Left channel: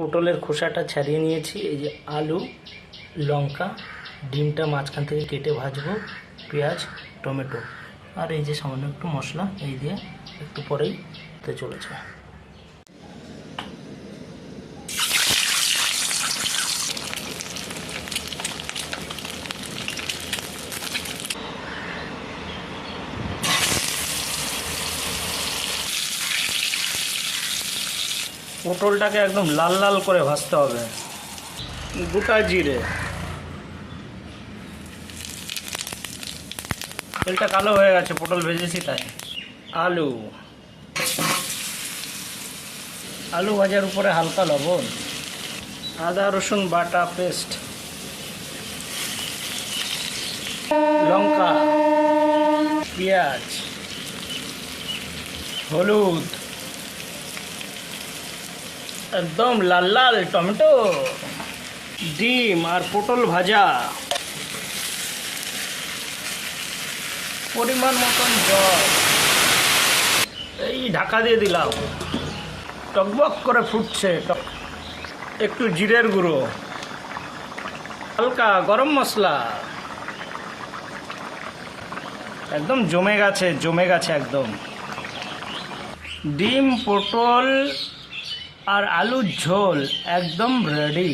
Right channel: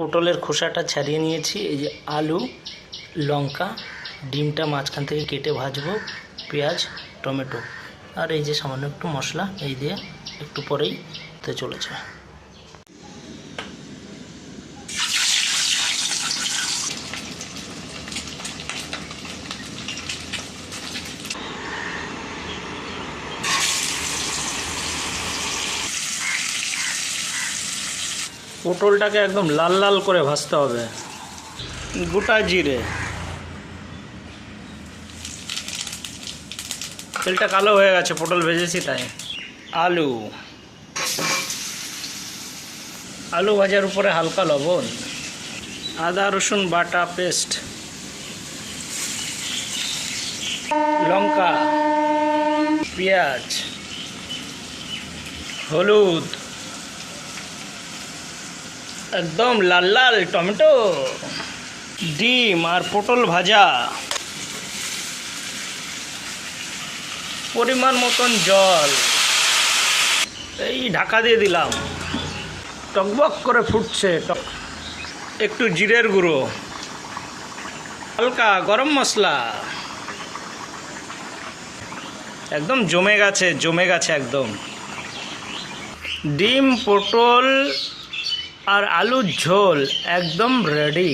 পটলের খোসাটা ছাড়িয়ে নিয়েছি। এই যে আলু, লঙ্কা, ডিমটা মাঝখান থেকে কেটে ভাজবো, পেঁয়াজ, টমেটো, আর এই যে সামান্য একটু মশলা, এই দিয়ে একটু পরেই হতে চলেছে। পটলটাকে একদম লাল লাল করে ভাজতে হবে। গোটা জিরে, তেলটা কালো হয়ে গেছে, পটল ভেজেছি তাই। আলু, আলু ভাজার উপরে হালকা লবণ, আদা রসুন বাটা পেস্ট, লঙ্কা, পেঁয়াজ, হলুদ, একদম লাল লাল টমেটো, ডিম আর পটল ভাজা, পরিমাণ মতন জল, এই ঢাকা দিয়ে দিলাম। টকবক করে ফুটছে। একটু জিরের গুঁড়ো, হালকা গরম মশলা, একদম জমে গেছে একদম। ডিম, পটল আর আলুর ঝোল একদম রেডি।